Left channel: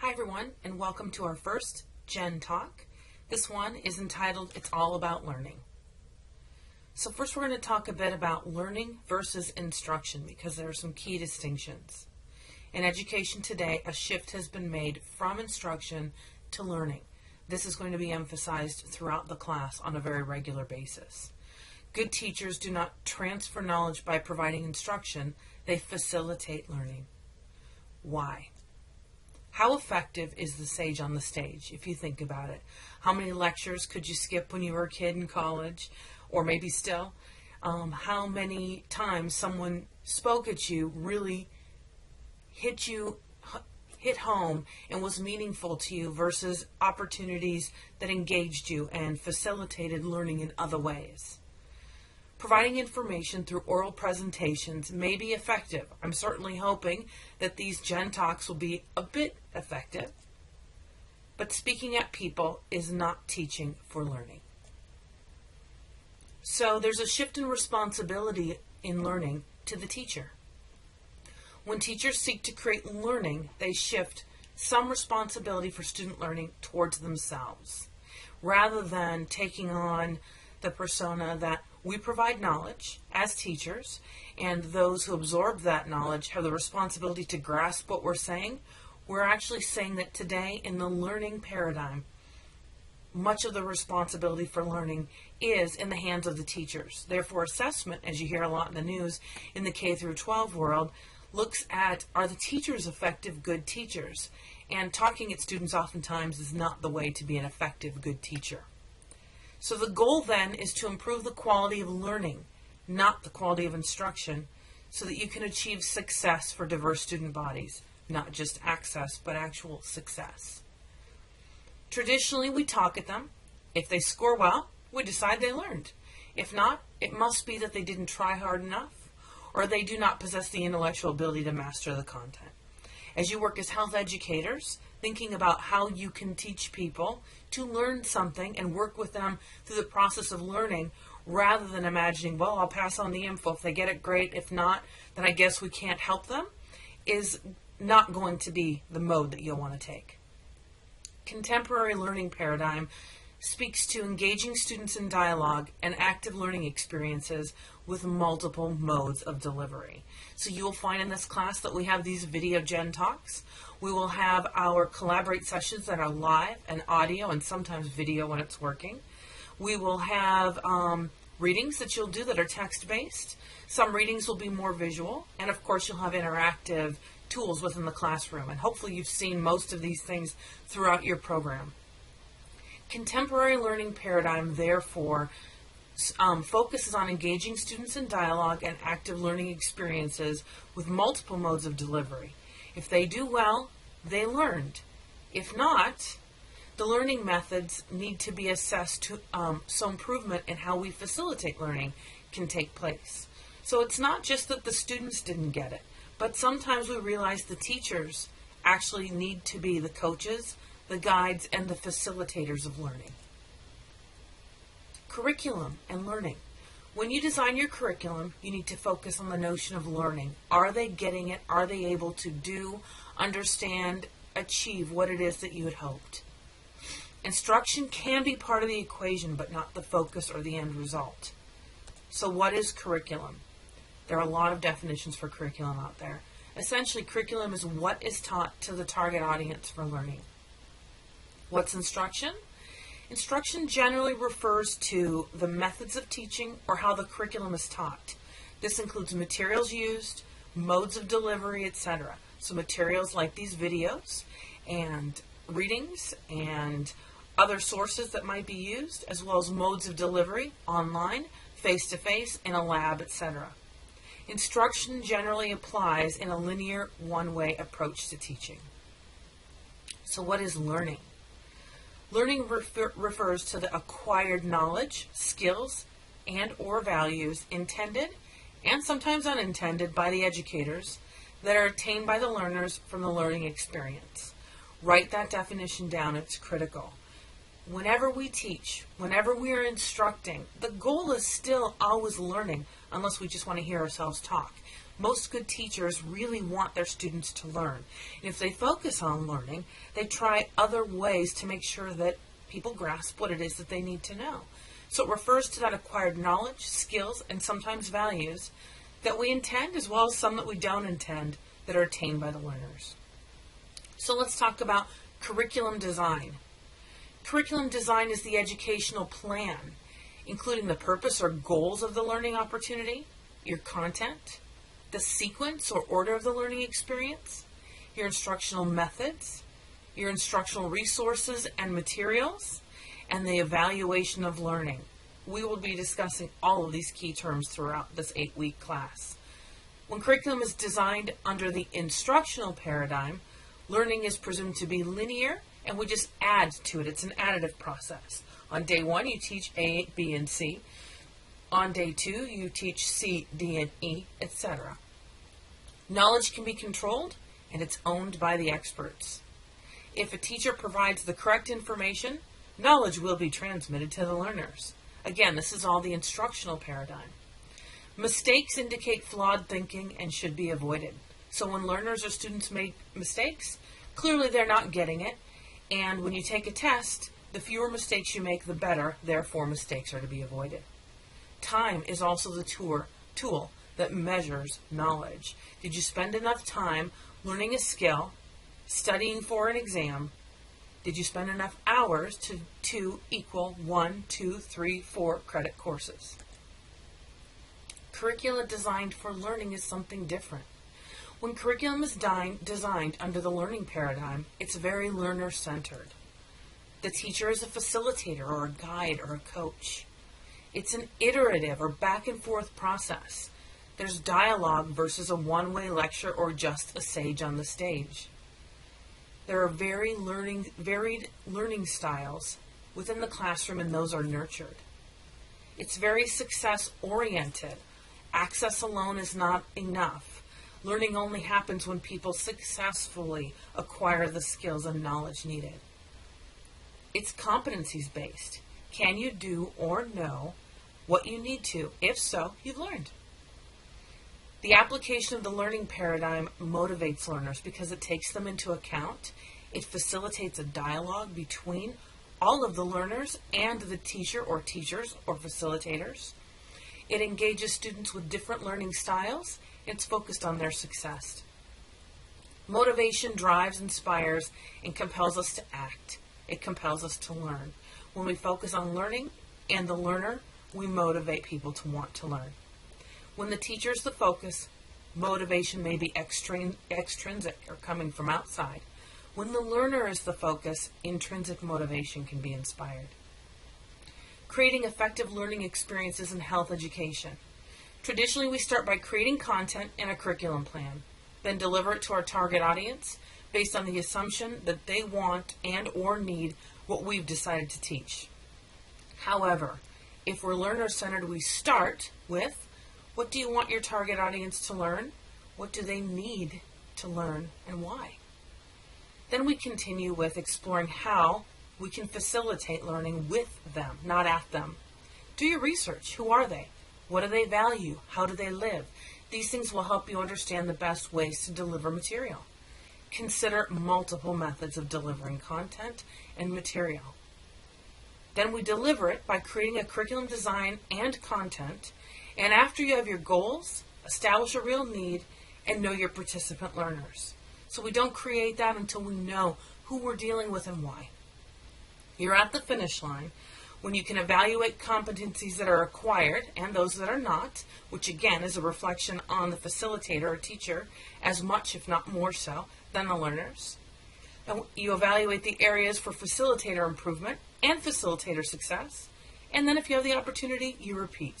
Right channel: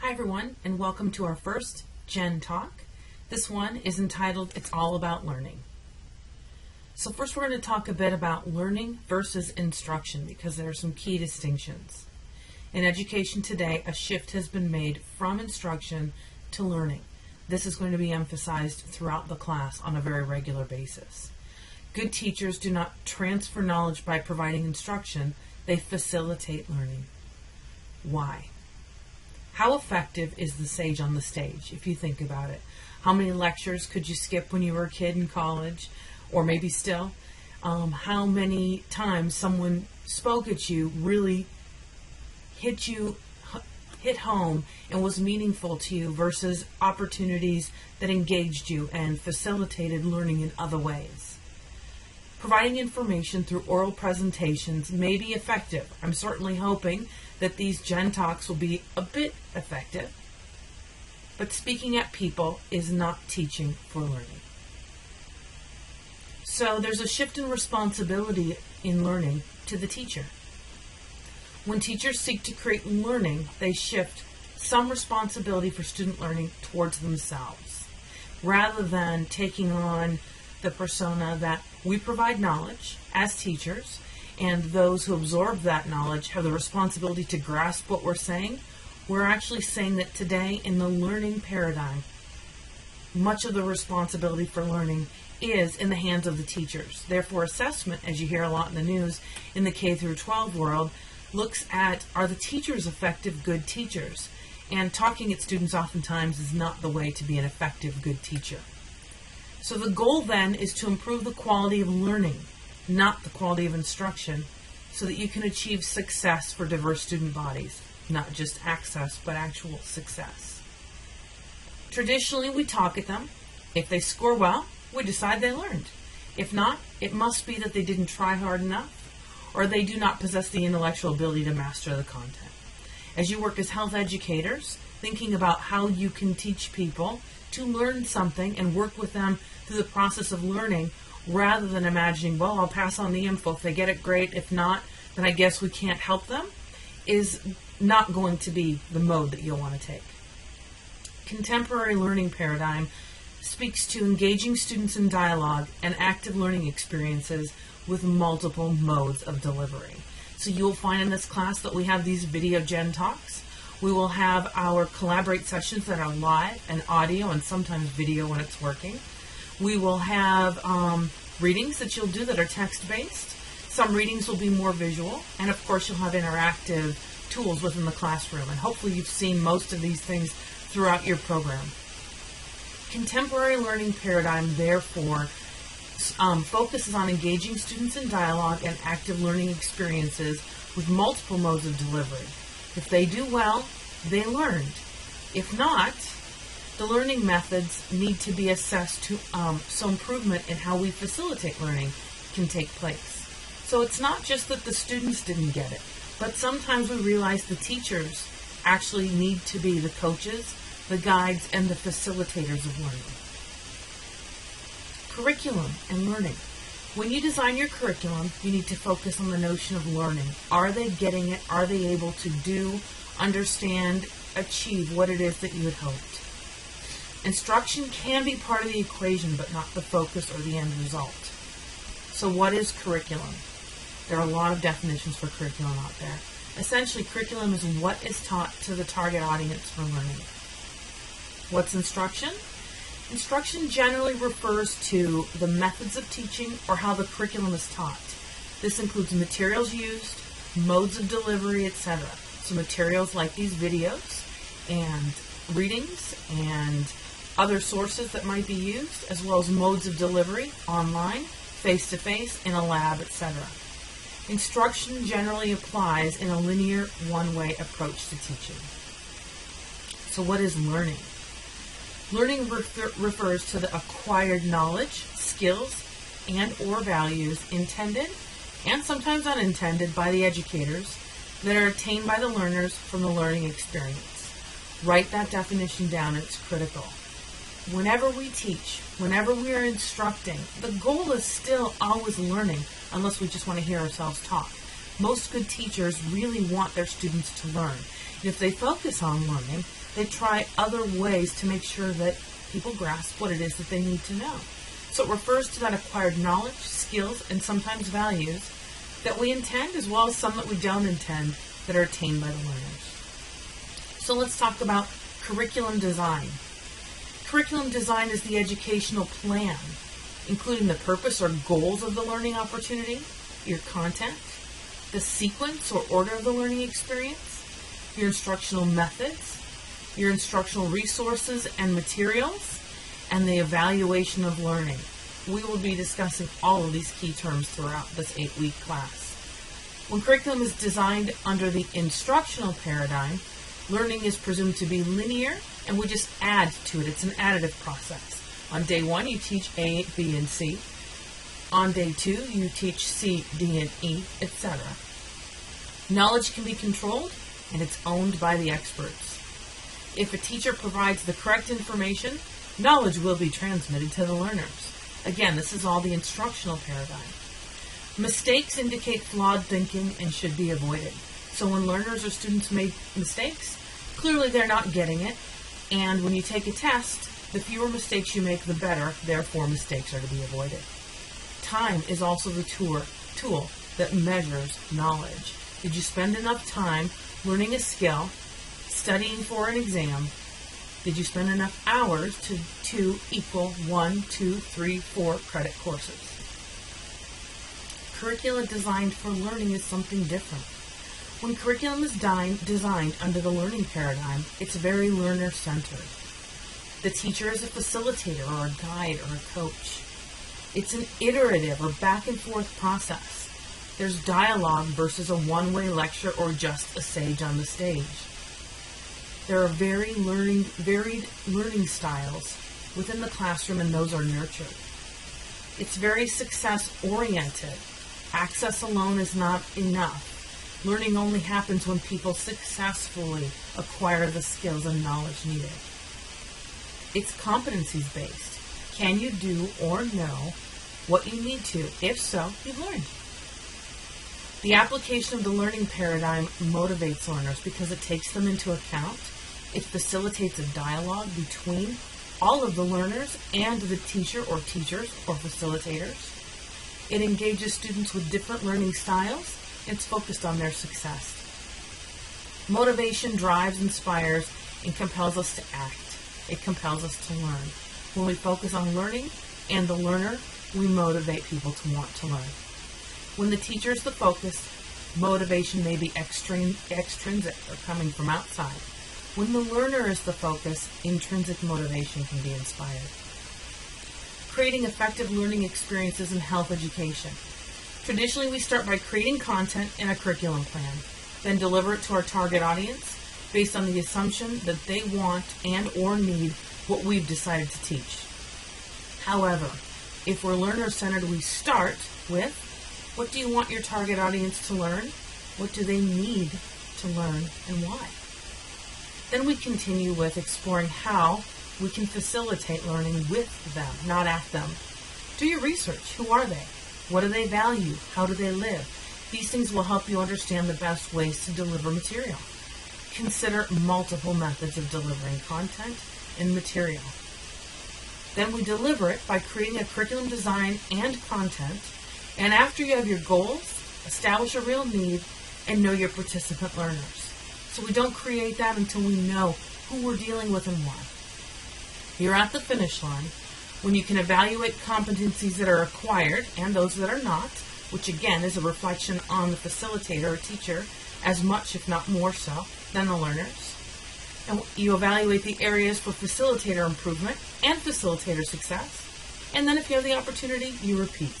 Hi everyone, and welcome to our first JenTalk. This one is entitled, It's All About Learning. So first we're going to talk a bit about learning versus instruction because there are some key distinctions. In education today, a shift has been made from instruction to learning. This is going to be emphasized throughout the class on a very regular basis. Good teachers do not transfer knowledge by providing instruction, they facilitate learning. Why? How effective is the sage on the stage, if you think about it? How many lectures could you skip when you were a kid in college, or maybe still? How many times someone spoke at you, really hit home and was meaningful to you versus opportunities that engaged you and facilitated learning in other ways? Providing information through oral presentations may be effective. I'm certainly hoping that these JenTalks will be a bit effective, but speaking at people is not teaching for learning. So there's a shift in responsibility in learning to the teacher. When teachers seek to create learning, they shift some responsibility for student learning towards themselves, rather than taking on the persona that we provide knowledge as teachers, and those who absorb that knowledge have the responsibility to grasp what we're saying. We're actually saying that today in the learning paradigm, much of the responsibility for learning is in the hands of the teachers. Therefore, assessment, as you hear a lot in the news in the K through 12 world, looks at, are the teachers effective, good teachers? And talking at students oftentimes is not the way to be an effective, good teacher. So the goal then is to improve the quality of learning, not the quality of instruction, so that you can achieve success for diverse student bodies, not just access, but actual success. Traditionally, we talk at them. If they score well, we decide they learned. If not, it must be that they didn't try hard enough, or they do not possess the intellectual ability to master the content. As you work as health educators, thinking about how you can teach people to learn something and work with them through the process of learning, rather than imagining, well, I'll pass on the info. If they get it, great. If not, then I guess we can't help them, is not going to be the mode that you'll want to take. Contemporary learning paradigm speaks to engaging students in dialogue and active learning experiences with multiple modes of delivery. So you'll find in this class that we have these video JenTalks. We will have our collaborate sessions that are live and audio and sometimes video when it's working. We will have readings that you'll do that are text-based. Some readings will be more visual. And of course, you'll have interactive tools within the classroom. And hopefully you've seen most of these things throughout your program. Contemporary learning paradigm, therefore, focuses on engaging students in dialogue and active learning experiences with multiple modes of delivery. If they do well, they learned. If not, the learning methods need to be assessed so improvement in how we facilitate learning can take place. So it's not just that the students didn't get it, but sometimes we realize the teachers actually need to be the coaches, the guides, and the facilitators of learning. Curriculum and learning. When you design your curriculum, you need to focus on the notion of learning. Are they getting it? Are they able to do, understand, achieve what it is that you had hoped? Instruction can be part of the equation, but not the focus or the end result. So what is curriculum? There are a lot of definitions for curriculum out there. Essentially, curriculum is what is taught to the target audience for learning. What's instruction? Instruction generally refers to the methods of teaching or how the curriculum is taught. This includes materials used, modes of delivery, etc. So materials like these videos and readings and other sources that might be used, as well as modes of delivery, online, face-to-face, in a lab, etc. Instruction generally applies in a linear, one-way approach to teaching. So what is learning? Learning refers to the acquired knowledge, skills, and or values intended and sometimes unintended by the educators that are attained by the learners from the learning experience. Write that definition down, it's critical. Whenever we teach, whenever we are instructing, the goal is still always learning, unless we just want to hear ourselves talk. Most good teachers really want their students to learn. And if they focus on learning, they try other ways to make sure that people grasp what it is that they need to know. So it refers to that acquired knowledge, skills, and sometimes values that we intend, as well as some that we don't intend, that are attained by the learners. So let's talk about curriculum design. Curriculum design is the educational plan, including the purpose or goals of the learning opportunity, your content, the sequence or order of the learning experience, your instructional methods, your instructional resources and materials, and the evaluation of learning. We will be discussing all of these key terms throughout this 8-week class. When curriculum is designed under the instructional paradigm, learning is presumed to be linear, and we just add to it. It's an additive process. On day 1, you teach A, B, and C. On day 2, you teach C, D, and E, etc. Knowledge can be controlled, and it's owned by the experts. If a teacher provides the correct information, knowledge will be transmitted to the learners. Again, this is all the instructional paradigm. Mistakes indicate flawed thinking and should be avoided. So when learners or students make mistakes, clearly they're not getting it. And when you take a test, the fewer mistakes you make, the better. Therefore, mistakes are to be avoided. Time is also the tool that measures knowledge. Did you spend enough time learning a skill, studying for an exam? Did you spend enough hours to equal 1, 2, 3, 4 credit courses? Curricula designed for learning is something different. When curriculum is designed under the learning paradigm, it's very learner-centered. The teacher is a facilitator or a guide or a coach. It's an iterative or back-and-forth process. There's dialogue versus a one-way lecture or just a sage on the stage. There are varied learning styles within the classroom, and those are nurtured. It's very success-oriented. Access alone is not enough. Learning only happens when people successfully acquire the skills and knowledge needed. It's competencies-based. Can you do or know what you need to? If so, you've learned. The application of the learning paradigm motivates learners because it takes them into account. It facilitates a dialogue between all of the learners and the teacher or teachers or facilitators. It engages students with different learning styles. It's focused on their success. Motivation drives, inspires, and compels us to act. It compels us to learn. When we focus on learning and the learner, we motivate people to want to learn. When the teacher is the focus, motivation may be extrinsic or coming from outside. When the learner is the focus, intrinsic motivation can be inspired. Creating effective learning experiences in health education. Traditionally, we start by creating content in a curriculum plan, then deliver it to our target audience based on the assumption that they want and or need what we've decided to teach. However, if we're learner-centered, we start with, what do you want your target audience to learn? What do they need to learn and why? Then we continue with exploring how we can facilitate learning with them, not at them. Do your research. Who are they? What do they value? How do they live? These things will help you understand the best ways to deliver material. Consider multiple methods of delivering content and material. Then we deliver it by creating a curriculum design and content. And after you have your goals, establish a real need, and know your participant learners. So we don't create that until we know who we're dealing with and why. You're at the finish line when you can evaluate competencies that are acquired and those that are not, which again is a reflection on the facilitator or teacher as much, if not more so, than the learners. And you evaluate the areas for facilitator improvement and facilitator success. And then if you have the opportunity, you repeat.